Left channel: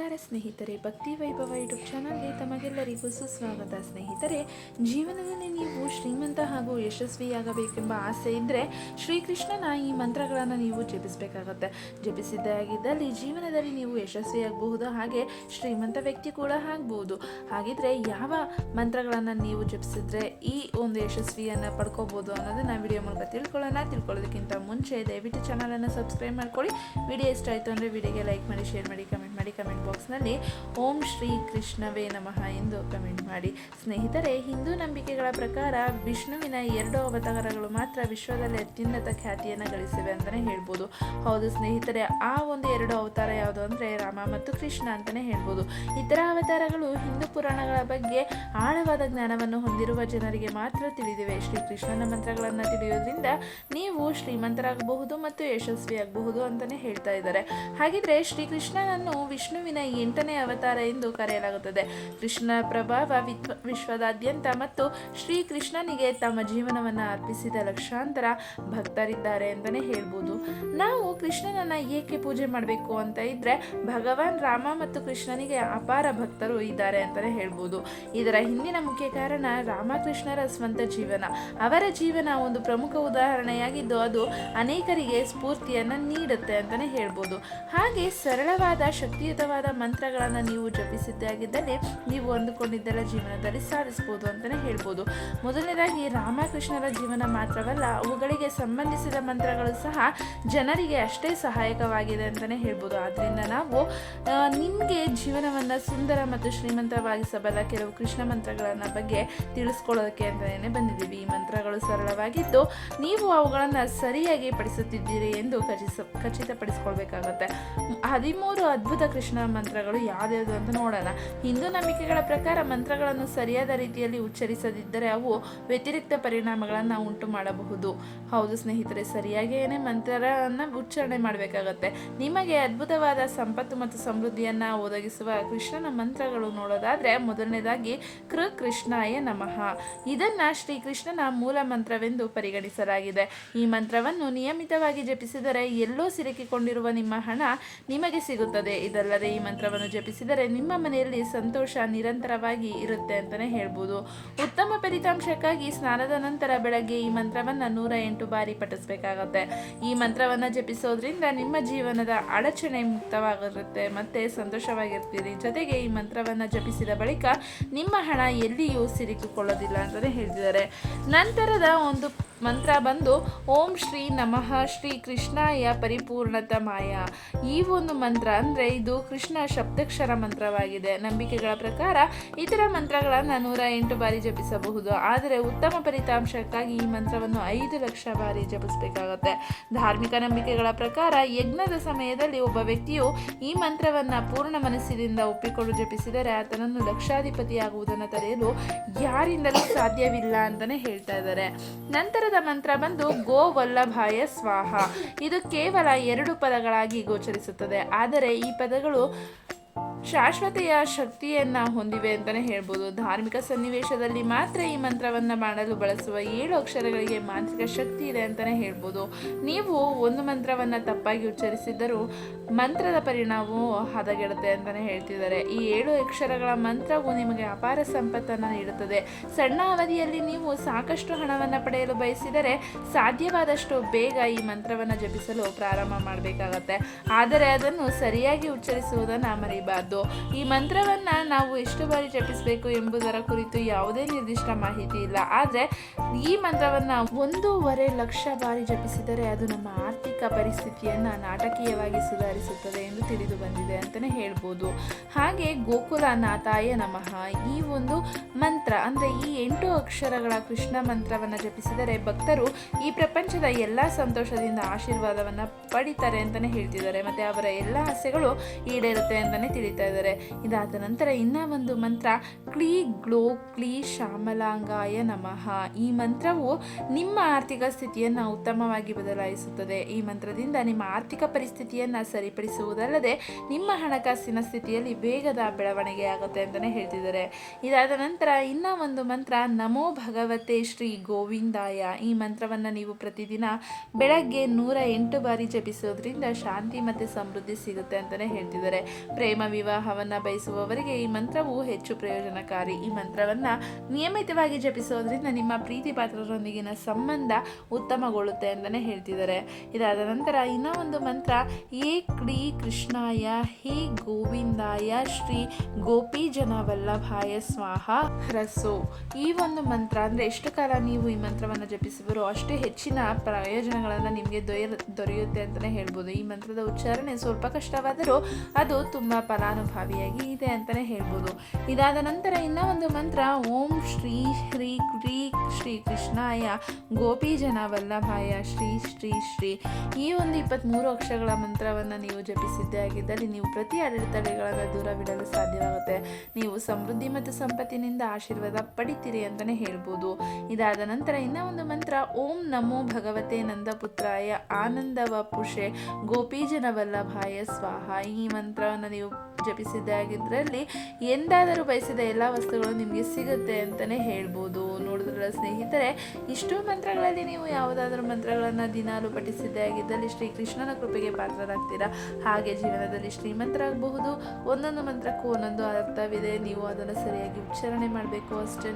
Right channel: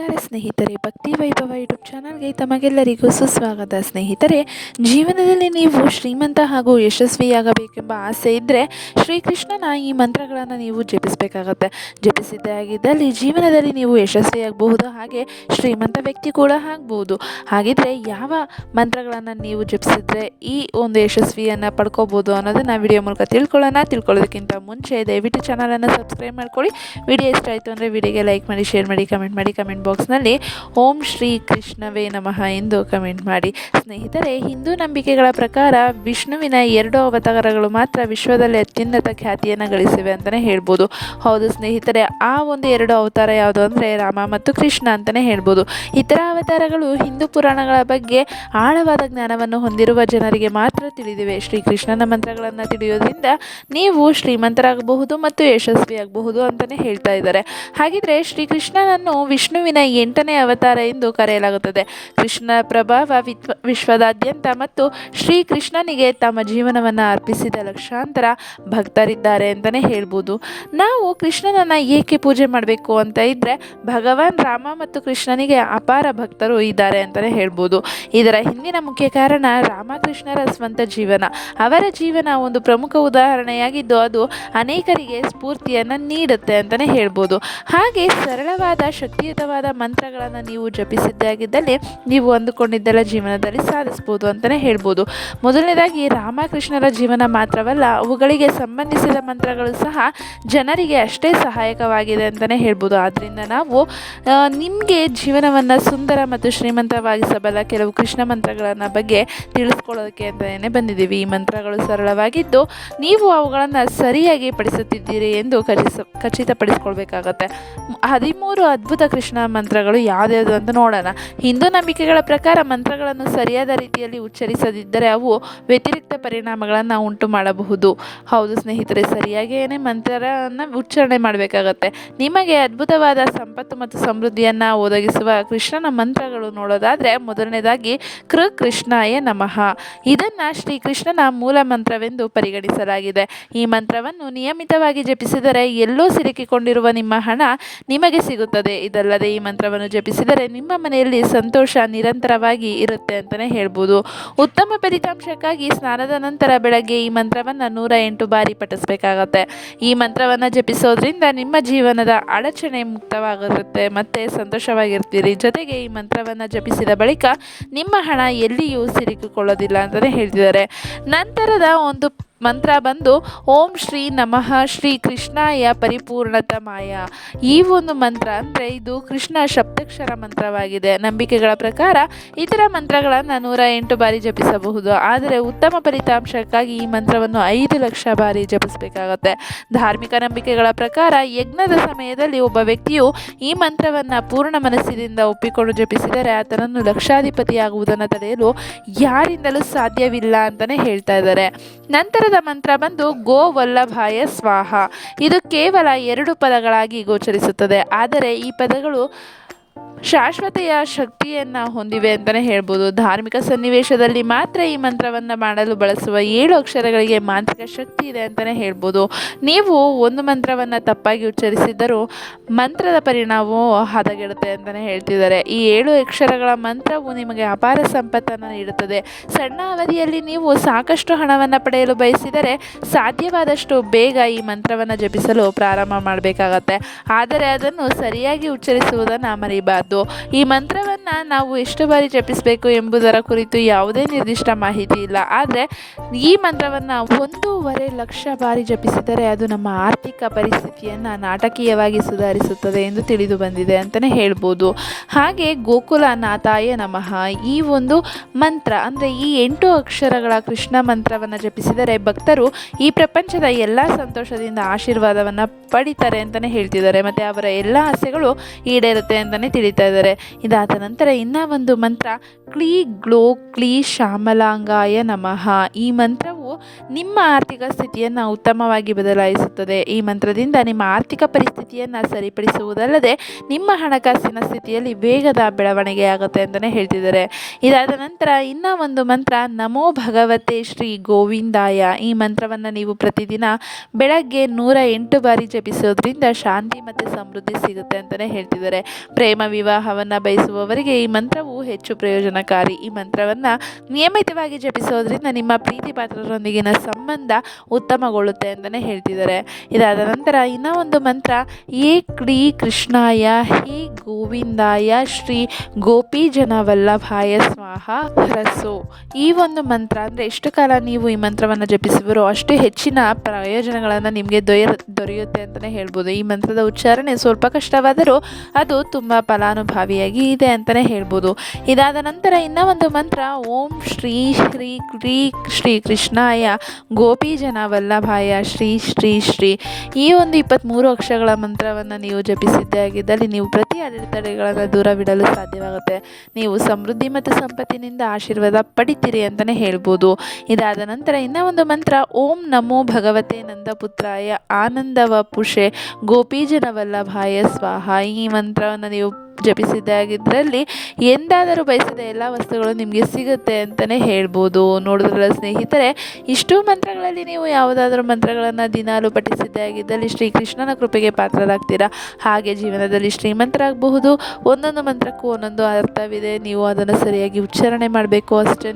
ನಮಸ್ಕಾರ ಸ್ನೇಹಿತರೆ, ಭಕ್ತಿ ವೈಭವ ಯೂಟ್ಯೂಬ್ ಚಾನಲ್ಗೆ ತಮಗೆಲ್ಲರಿಗೂ ಸುಸ್ವಾಗತ. ಸ್ನೇಹಿತರೆ, ಜೀವನದಲ್ಲಿ ನೀವು ಶ್ರೀಮಂತ ಹಾಗೂ ಯಶಸ್ವಿಯಾಗಬೇಕೆಂಬ ಆಸೆ ಇದ್ದರೆ ಶ್ರೀಕೃಷ್ಣನ ಈ ಮಂತ್ರಗಳನ್ನು ನೀವು ಜಪಿಸಬೇಕಾಗತ್ತೆ. ಜಪಿಸಿದ್ದಾಗಿದ್ದಲ್ಲಿ ಜೀವನದಲ್ಲಿ ನೀವು ಯಶಸ್ವಿಯಾಗಬಹುದು, ಹಾಗೆ ಶ್ರೀಮಂತ ವ್ಯಕ್ತಿ ಕೂಡ ಆಗ್ಬೋದು. ಹಾಗಿದ್ರೆ ಯಾವ ಮಂತ್ರಗಳನ್ನು ನೀವು ಜಪಿಸಿದ್ರೆ ಈ ಒಂದು ಯಶಸ್ವಿಯನ್ನು ಪಡ್ಕೋಬೋದು ಅನ್ನೋದನ್ನು ವಿಡಿಯೋ ಮೂಲಕ ತಿಳ್ಕೊಳ್ಳೋಣ. ತಿಳ್ಕೊಳ್ಳೋದಕ್ಕಿಂತ ಮುಂಚೆ ದಯವಿಟ್ಟು ಚಾನಲನ್ನು ಸಬ್ಸ್ಕ್ರೈಬ್ ಮಾಡ್ಕೊಳ್ಳಿ. ವಿಡಿಯೋ ಇಷ್ಟ ಆಯಿತು ಅಂದರೆ ವಿಡಿಯೋಗೆ ಲೈಕ್ ಮಾಡಿ, ಶೇರ್ ಮಾಡಿ, ಕಮೆಂಟ್ ಮಾಡಿ, ಕಮೆಂಟ್ ಬಾಕ್ಸ್ನಲ್ಲಿ ಓಂ ಶ್ರೀ ಕೃಷ್ಣವೇ ನಮಃ ಎಂದು ಕಮೆಂಟ್ ಮಾಡಿ. ಸ್ನೇಹಿತರೆ, ಹಿಂದೂ ನಂಬಿಕೆಗಳ ಪ್ರಕಾರ ವಿಷ್ಣುವಿನ ಎರಡು ಅವತಾರಗಳು ಮಾತ್ರ ವಿಶ್ವದಲ್ಲಿ ಅತ್ಯುನ್ನತ ಖ್ಯಾತಿಯನ್ನು ಗಳಿಸಿವೆ ಅಂತಲೇ ಹೇಳ್ಬೋದು. ಹೌದು ಸ್ನೇಹಿತರೆ, ಆ ಒಂದು ಎರಡು ಅವತಾರ ಯಾವುದು ಅಂದರೆ ರಾಮ ಮತ್ತು ಕೃಷ್ಣ ಅಂತಲೇ ಹೇಳ್ಬೋದು. ಇತರ ಅವತಾರಗಳು ಹಿಂದೂ ಪುರಾಣಗಳ ಬಗ್ಗೆ ಆಳವಾದ ಜ್ಞಾನವನ್ನು ಹೊಂದಿರುವ ಜನರಿಗೆ ಮಾತ್ರ ತಿಳಿದಿವೆ. ಶ್ರೀಕೃಷ್ಣನ ಮಂತ್ರಗಳನ್ನು ತಿಳಿಯೋದ್ರಿಂದ ನೀವು ಶ್ರೀಮಂತರಾಗಬಹುದು ಮತ್ತು ಯಶಸ್ವಿಯಾಗಬಹುದು ಅಂತಲೇ ಹೇಳ್ತಾ ಇದ್ದಾರೆ. ಹಾಗಿದ್ರೆ ಶ್ರೀಕೃಷ್ಣನನ್ನು ವಿಷ್ಣುವಿನ ಎಂಟನೇ ಅವತಾರ ಎಂದು ಕರೆಯಲಾಗುತ್ತದೆ. ಕೃಷ್ಣ ಪ್ರಭಾವ ವಿಶ್ವ ವಿಶ್ವದಾದ್ಯಂತ ಮತ್ತು ಶ್ರೀಕೃಷ್ಣನಿಗೆ ತಮ್ಮ ಜೀವನವನ್ನು ಅರ್ಪಿಸಿದ ಲಕ್ಷಾಂತರ ಭಕ್ತರಿದ್ದಾರೆ ಅಂತಲೇ ಹೇಳ್ಬೋದು. ನಾವು ಕೃಷ್ಣನನ್ನು ಏಕೆ ಪೂಜೆ ಮಾಡಬೇಕು ಅಂತ ಇದ್ದರೆ ಭಗವಾನ್ ರಾಮ ಮತ್ತು ಕೃಷ್ಣನಿಗೆ ಅಪಾರ ಭಕ್ತರು ಇದ್ದಾರೆ ಅಂತಲೇ ಹೇಳ್ಬೋದು. ಇದರ ಹಿಂದಿನ ಮುಖ್ಯ ಕಾರಣ ರಾಮಕೃಷ್ಣರ ಸ್ವಂತ ಜೀವನ. ಅವರ ಜೀವನ ಒಂದು ಪ್ರಮುಖ ಉದಾಹರಣೆಯಾಗಿದ್ದು ಅದು ಅನೇಕರಿಗೆ ಸ್ಫೂರ್ತಿಯನ್ನು ನೀಡುತ್ತೆ ಅಂತಲೇ ಹೇಳ್ಬೋದು. ಹಾಗೆ ಸರಳವಾದ ಶಕ್ತಿಯುತವಾದ ಮಂತ್ರಗಳನ್ನು ನೀವು ಜಪಿಸಿದ್ದಾಗಿದ್ದಲ್ಲಿ ನೀವು ಅಂದುಕೊಂಡಿದ್ದೆಲ್ಲ ಜೀವನದಲ್ಲಿ ಸಾಧಿಸ್ಬೋದು ಅಂತಲೇ ಹೇಳ್ಬೋದು. ಮೊದಲನೇದಾಗಿ ರಾಮಕೃಷ್ಣರ ಜೀವನ ಮಾತ್ರವಲ್ಲ, ಅವುಗಳಿಗೆ ಸಂಬಂಧಿಸಿದ ಮಂತ್ರಗಳು ಸಹ ಜನರಿಗೆ ಅಷ್ಟೇ ಸಹಾಯಕವಾಗಿದೆ ಅಂತಲೇ ಹೇಳ್ಬೋದು. ಆದ್ದರಿಂದ ನಾವು ನಿಮಗೆ ಜೀವನವನ್ನು ಸುಂದರ ಮತ್ತು ಶ್ರೀಮಂತವಾಗಿಸಬಲ್ಲ ಕೆಲವು ಕೃಷ್ಣ ಮಂತ್ರಗಳನ್ನು ಬಗ್ಗೆ ತಿಳಿಸ್ಕೊಳ್ಳೋದಕ್ಕೆ ಅಂತಲೇ ಬಂದಿದ್ದೀವಿ. ಈ ಮಂತ್ರಗಳು ಸರಳವಾಗಿದ್ದು, ನೀವು ಅವುಗಳನ್ನು ಸರಿಯಾಗಿ ಪಡಿಸುತ್ತಿದ್ದೀರಿ ಎಂದು ಖಚಿತ ಖಚಿತಪಡಿಸ್ಕೊಳ್ಬೇಕಾಗತ್ತೆ. ಹದಿಮೂರು ಅದ್ಭುತ ಕೃಷ್ಣ ಮಂತ್ರಗಳು ಯಾವ್ದ್ಯಾವುದು ಅಂತ ನೋಡೋಣ. ಹಿಂದೂ ನಂಬಿಕೆಗಳ ಪ್ರಕಾರ ಮಂತ್ರಗಳನ್ನು ಸರಿಯಾದ ರೀತಿಯಲ್ಲಿ ಉಚ್ಚರಿಸದಿದ್ದರೆ ಅವು ವ್ಯತಿರಿಕ್ತ ಪರಿಣಾಮಗಳನ್ನು ಉಂಟು ಮಾಡಬಹುದು. ಹೌದು ಸ್ನೇಹಿತರೆ ಸರಿಯಾಗಿ ಏನೇ ಮಂತ್ರವನ್ನು ಉಚ್ಚಾರಣೆ ಮಾಡಬೇಕಾಗತ್ತೆ. ನಿಮಗೆ ಅದ್ಭುತವಾದ ಸಂಪತ್ತು ಮತ್ತು ಸಮೃದ್ಧಿಯನ್ನು ಒದಗಿಸುವ ಕೃಷ್ಣನ ಮಂತ್ರಗಳು ನೋಡೋದಾದರೆ ಮೊದಲನೇದಾಗಿ ಕೃ ಕೃಷ್ಣಾಯ ನಮಃ. ಇದನ್ನು ಶ್ರೀಕೃಷ್ಣನ ಮೂಲ ಮಂತ್ರವೆಂದು ಪರಿಗಣಿಸಲಾಗಿದೆ. ಈ ಮಂತ್ರವನ್ನು ನಿಯಮಿತವಾಗಿ ಜಪಿಸಿದರೆ ಎಲ್ಲೋ ಸಿಲುಕಿಕೊಂಡಿರುವ ನಿಮ್ಮ ಹಣ ನಿಮಗೆ ಸಿಗುತ್ತದೆ. ಇದಲ್ಲದೆ ಮಂತ್ರವನ್ನು ಜಪಿಸಿದರೆ ನಿಮ್ಮ ಮನೆಯಲ್ಲಿ ಸಂತೋಷ ನಿರಂತರವಾಗಿ ಇರುತ್ತೆ ಅಂತಲೇ ಹೇಳ್ಬೋದು. ಉತ್ತಮ ಫಲಿತಾಂಶಕ್ಕಾಗಿ ಸ್ನಾನದ ನಂತರ ಬೆಳಗ್ಗೆ ಈ ಮಂತ್ರವನ್ನು ನೂರ ಎಂಟು ಬಾರಿ ಪಠಿಸಬೇಕಾಗತ್ತೆ. ಈ ಮಂತ್ರವನ್ನು ಜಪಿಸೋದ್ರಿಂದ ನಿಮ್ಮ ಜೀವನದ ಅಡಚಣೆ ಮುಕ್ತವಾಗಿರುತ್ತೆ. ಮತ್ತು ಸಂತೋಷವಾಗಿರ್ತೀರಿ. ಜೊತೆಗೆ ಈ ಮಂತ್ರವನ್ನು ಜಪಿಸಿದ ಬಳಿಕ ನಿಮ್ಮ ಹಣ ಎಲ್ಲಿಯೂ ಸಿಲುಕಿಕೊಳ್ಳೋದಿಲ್ಲ ಅಂತಲೇ ಹೇಳ್ತಿದ್ದಾರೆ. ನಂತರದ ಒಂದು ಮಂತ್ರ ಬಂದು, ಓಂ ಶ್ರೀ ನಮಃ, ಶ್ರೀ ಕೃಷ್ಣಾಯ ಪರಿಪೂರ್ಣತಮಾಯ ಈ ಒಂದು ಮಂತ್ರ ಅಂದರೆ ಇದು ಕೃಷ್ಣ ಶಬ್ದಕ್ಷರ ಮಂತ್ರವಾಗಿದೆ. ನಂಬಿಕೆಗಳ ಪ್ರಕಾರ ಇತರ ಮಂತ್ರಗಳನ್ನು ನೂರ ಎಂಟು ಬಾರಿ ಜಪಿಸಬಹುದು. ಆದರೆ ಉತ್ತಮ ಫಲಿತಾಂಶಕ್ಕಾಗಿ ಈ ಮಂತ್ರವನ್ನು ಐದು ಲಕ್ಷ ಬಾರಿ ಜಪಿಸಬೇಕಾಗುತ್ತೆ. ಧಾರ್ಮಿಕ ನಂಬಿಕೆಗಳ ಪ್ರಕಾರ ಯಜ್ಞದ ಸಮಯದಲ್ಲಿ ಒಬ್ಬ ವ್ಯಕ್ತಿಯು ಈ ಮಂತ್ರವನ್ನು ಪೂರ್ಣ ಮನಸ್ಸಿನಿಂದ ಒಪ್ಪಿಕೊಂಡು ಜಪಿಸಿದರೆ ಆತನನ್ನು ಲಕ್ಷಾಧಿಪತಿಯಾಗುವುದನ್ನು ತಡೆಯಲು ಯಾರಿಂದಲೂ ಸಾಧ್ಯವಿಲ್ಲ ಅಂತಲೇ ಹೇಳ್ತಾ ಇದ್ದಾರೆ. ನಂತರದ ಮಂತ್ರ ಬಂದು ಗೋ ವಲ್ಲಭಾಯ ಸ್ವಾಹ. ಇದು ಕೇವಲ ಎರಡು ಪದಗಳಾಗಿ ಗೋಚರಿಸುತ್ತದೆ. ಆದರೆ ಈ ಪದಗಳು ಶಾಶ್ವತೆಯ ಶಕ್ತಿಯನ್ನು ಹೊಂದಿವೆ ಅಂತಲೇ ಹೇಳ್ಬೋದು. ಧಾರ್ಮಿಕ ಸನ್ನಿವೇಶದಲ್ಲಿ ಮಾತ್ರ ಈ ಮಂತ್ರವನ್ನು ಮಾಡಲು ಬಳಸುವ ಏಳು ಅಕ್ಷರಗಳಿಗೆ ಮಾಂತ್ರಿಕ ಶಕ್ತಿ ಇದೆ ಅಂತಲೇ ಹೇಳ್ಬೋದು. ನೀವು ಒಂದು ಮಂತ್ರವನ್ನು ತಪ್ಪಾಗಿ ಉಚ್ಚರಿಸಿದ್ದರೂ ಮಂತ್ರದ ಪರಿಣಾಮವು ಹದಗೆಡುತ್ತೆ ಅಂತಲೇ ಹೇಳ್ತಿದ್ದಾರೆ. ಈ ಏಳು ಅಕ್ಷರಗಳ ಮಂತ್ರವು ನಿಮಗೆ ಅಪಾರ ಸಂಪತ್ತನ್ನು ನೀಡುತ್ತದೆ. ಸಣ್ಣ ಅವಧಿಯಲ್ಲಿ ನೀವು ಸಾಕಷ್ಟು ಹಣವನ್ನು ಪಡೆಯಲು ಬಯಸಿದರೆ ಸಾಧ್ಯವಾದಷ್ಟು ಬೇಗ ಈ ಮಂತ್ರವನ್ನು ಜಪಿಸಲು ಪ್ರಾರಂಭ ಮಾಡಬೇಕಾಗತ್ತೆ. ಆದರೆ ಅದನ್ನು ಸರಿಯಾಗಿ ಉಚ್ಚರಿಸುವುದನ್ನು ಮರಿಬಾರ್ದು. ಈ ಮಂತ್ರವನ್ನು ನಾವು ಎಷ್ಟು ಬಾರಿ ಜಪಿಸಬೇಕು ಎಂಬುದರ ಕುರಿತು ಯಾವುದೇ ನಿರ್ದಿಷ್ಟ ಮಾಹಿತಿ ಇಲ್ಲ. ಆದರೆ ಈ ಮಂತ್ರವನ್ನು ಒಂದೂವರೆ ಲಕ್ಷ ಬಾರಿ ಜಪಿಸಿದರೆ ಅದು ನಮ್ಮ ಆರ್ಥಿಕ ಪರಿಸ್ಥಿತಿಯನ್ನು ನಾಟಕೀಯವಾಗಿ ಸುಧಾರಿಸುತ್ತದೆ ಎಂದು ತಿಳಿದು ಬಂದಿದೆ ಅಂತಲೇ ಹೇಳ್ಬೋದು. ಹಾಗೆ ಗೋಕುಲ ನಾತಾಯ ನಮಃ. ಈ ಒಂದು ಮಂತ್ರ, ಅಂದರೆ ಈ ಎಂಟು ಅಕ್ಷರಗಳ ಕೃಷ್ಣ ಮಂತ್ರವನ್ನು ಜಪಿಸಿದರೆ ಭಕ್ತರು ಈ ಪ್ರಪಂಚದ ಎಲ್ಲ ಸಂತೋಷದಿಂದ ಆಶೀರ್ವಾದವನ್ನು ಪಡಿತಾರೆ ಅಂತಲೇ ಹೇಳ್ತಿದ್ದಾರೆ. ಮತ್ತು ಅವರ ಎಲ್ಲ ಆಸೆಗಳು ಈಡೇರುತ್ತೆ ಅಂತಲೇ ತಿಳಿತಾ ಇದ್ದಾರೆ. ಇದಾದ ನಂತರ ಇನ್ನೂ ಒಂದು ಮಂತ್ರ, ಕ್ಲೀ ಗ್ಲೋ ಕ್ಲೀ ಶ್ಯಾಮಲಾಂಗಾಯ ನಮಃ. ಈ ಮಂತ್ರವು ನಿಮ್ಮ ಆರ್ಥಿಕ ಸ್ಥಿತಿಯನ್ನು ಉತ್ತಮವಾಗಿ ಬದಲಾಯಿಸುತ್ತದೆ. ಈ ಮಂತ್ರದಿಂದ ನಿಮ್ಮ ಆರ್ಥಿಕ ಪರಿಸ್ಥಿತಿಯನ್ನು ಸರಿಪಡಿಸುವುದಲ್ಲದೆ ನಿಮ್ಮ ಹಣಕಾಸಿನ ಸ್ಥಿತಿಯಲ್ಲಿ ವೇಗದ ಬೆಳವಣಿಗೆಯಾಗುತ್ತೆ ಅಂತಲೇ ಹೇಳ್ತಿದ್ದಾರೆ. ಇದಾದ ನಂತರ ಇನ್ನೂ ಒಂದು ಮಂತ್ರ, ನಮೋ ಭಗವತೆ ಶ್ರೀ ಗೋವಿಂದಾಯ. ಈ ಮಂತ್ರವನ್ನು ನೀವು ಪ್ರತಿದಿನ ಬೆಳಗ್ಗೆ ನೂರ ಎಂಟು ಬಾರಿ ಜಪಿಸೋದ್ರಿಂದ ಶಾಂತಿ ಮತ್ತು ಸಮೃದ್ಧಿ ಸಿಗುತ್ತೆ ಅಂತಲೇ ಹೇಳ್ತಿದ್ದಾರೆ. ಪ್ರೇಮ ವಿವಾಹವನ್ನು ಬಯಸುವವರಿಗೆ ಈ ಮಂತ್ರವು ಹೆಚ್ಚು ಪ್ರಯೋಜನಕಾರಿ. ಈ ಮಂತ್ರವನ್ನು ನಿಯಮಿತವಾಗಿ ಜಪಿಸೋದ್ರಿಂದ ನಿಮ್ಮ ಪ್ರೀತಿ ಪಾತ್ರರೊಂದಿಗಿನ ಸಂಬಂಧ ಉತ್ತಮಗೊಳ್ಳುತ್ತೆ ಅಂತಲೇ ಹೇಳ್ತಿದ್ದಾರೆ. ಇದಾದ ನಂತರ ಇನ್ನೂ ಒಂದು ಮಂತ್ರ ಏ ಕ್ರೀ ಕೃಷ್ಣಾಯ, ಹೇ ಗೋವಿಂದಾಯ, ಶ್ರೀ ಗೋಪಿ ಜನವಲ್ಲಭಾಯ ಸ್ವಾಹ ಹರಸು. ಈ ಒಂದು ಮಂತ್ರ ಅಂದರೆ ಎಷ್ಟು ಕಾಲ ನೀವು ಈ ಮಂತ್ರವನ್ನು ಜಪಿಸುವರೋ ಅಷ್ಟು ಹೆಚ್ಚಿನ ಪ್ರಯೋಜನಗಳನ್ನು ನಿಮಗೆ ದೊರೆಯ ದೊರೆಯುತ್ತೆ ಅಂತಲೇ ಹೇಳ್ಬೋದು. ಈ ಮಂತ್ರದ ಉಚ್ಚಾರಣೆ ಸ್ವಲ್ಪ ಕಷ್ಟವಾದರೂ ಅದು ತುಂಬ ಫಲಾನುಭಾವಿಯಾಗಿ ಇದೆ ಅಂತಲೇ ಹೇಳ್ಬೋದು. ಇದಾದ ನಂತರ ಇನ್ನೂ ಒಂದು ಮಂತ್ರ, ಓಂ ಶ್ರೀ ಶ್ರೀ ಕ್ರೀ ಶ್ರೀ ಕೃಷ್ಣಾಯ ಗೋಪಿ ಜನ ವಲ್ಲಭಾಯ ಶ್ರೀ ಶ್ರೀ ಶ್ರೀ. ಈ ಒಂದು ಇಪ್ಪತ್ತ್ಮೂರು ಅಕ್ಷರಗಳ ಮಂತ್ರವನ್ನು ನೀವು ಜಪಿಸಿದ್ದೇ ಆಗಿದ್ದಲ್ಲಿ ನೀವು ಪ್ರತಿ ಅಡೆತಡೆಗಳನ್ನು ದೂರವಿಡಲು ಸಾಧ್ಯವಾಗುತ್ತೆ. ನೀವು ಸಮೃದ್ಧಿ ಮತ್ತು ಸಂಪತ್ತಿನಿಂದ ಆಶೀರ್ವಾದ ಪಡಿತೀರಿ ಅಂತಲೇ ಹೇಳ್ಬೋದು. ಇದಾದ ನಂತರ ಇನ್ನೂ ಒಂದು ಮಂತ್ರ, ಓಂ ನಮೋ ಭಗವತೆ ನಂದಪುತ್ರಾಯ ಆನಂದವ ಪುಷೆ ಗೋಪೀಜನ ವಲ್ಲಭಾಯ ಸ್ವಾಹ. ಈ ಮಂತ್ರವನ್ನು ನೀವು ಜಪಿಸಿದ್ದಾಗಿದ್ರಲ್ಲಿ ಎಂದಾದರೂ ಬಯಸಿದ ಎಲ್ಲ ವಸ್ತುಗಳು ನಿಮಗೆ ಸಿಗುತ್ತೆ ಅಂತಲೇ ಹೇಳ್ಬೋದು. ನೋಡಿದ್ರಲ್ಲ ಸ್ನೇಹಿತರೆ, ಇಷ್ಟು ಮಂತ್ರಗಳಲ್ಲಿ ನೀವು ಯಾವುದಾದ್ರೂ ಮಂತ್ರಗಳನ್ನು ದಿನಾಲು ಪಠಿಸಿದ್ದೇ ಆಗಿದ್ದಲ್ಲಿ ಶ್ರೀಕೃಷ್ಣನ ಕೃಪೆಗೆ ಪಾತ್ರರಾಗ್ತೀರಾ? ಹಾಗೆ ಜೀವನದಲ್ಲಿ ಶ್ರೀಮಂತರಾಗಬಹುದು. ಒಂದೊಂದು ಮಂತ್ರಕ್ಕೂ ಒಂದೊಂದು ಅರ್ಥವಿದೆ. ನೀವು ಅದನ್ನು ಸರಿಯಾಗಿ ಉಚ್ಚಾರಣೆ ಮಾಡಬೇಕು ಅಷ್ಟೇ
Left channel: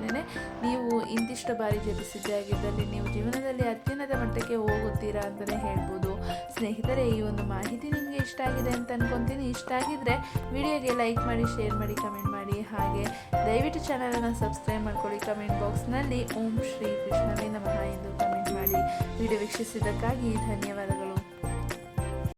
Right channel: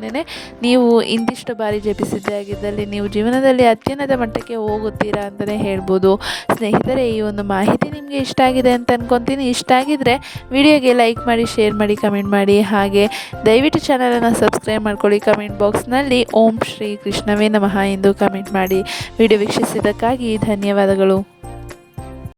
ನೀವು ಇಂದಿಷ್ಟು ಬಾರಿ ಜಪಿಸಿದ್ದೇ ಆಗಿದ್ದಲ್ಲಿ ನೀವು ಜೀವನದಲ್ಲಿ ಅತ್ಯುನ್ನತ ಮಟ್ಟಕ್ಕೆ ಹೋಗುತ್ತೀರಾ ಅಂತಲೇ ಹೇಳ್ಬೋದು. ಸ್ನೇಹಿತರೆ, ಈ ಒಂದು ಮಾಹಿತಿ ನಿಮಗೆ ಇಷ್ಟ ಆಗಿದೆ ಅಂತ ಅನ್ಕೊತೀನಿ. ಇಷ್ಟ ಆಗಿದ್ರೆ ವಿಡಿಯೋಗೆ ಲೈಕ್ ಮಾಡಿ, ಶೇರ್ ಮಾಡಿ, ಕಮೆಂಟ್ ಮಾಡಿ. ಹಾಗೆ ದಯವಿಟ್ಟು ಚಾನಲನ್ನು ಸಬ್ಸ್ಕ್ರೈಬ್ ಮಾಡ್ಕೊಳ್ಳಿ. ಕಮೆಂಟ್ ಬಾಕ್ಸ್ನಲ್ಲಿ ಓಂ ಶ್ರೀ ಕೃಷ್ಣವೇ ನಮಃ ಎಂದು ಕಮೆಂಟ್ ಮಾಡಿ. ವಿಡಿಯೋ ವೀಕ್ಷಿಸಿದ್ದಕ್ಕಾಗಿ ಧನ್ಯವಾದಗಳು.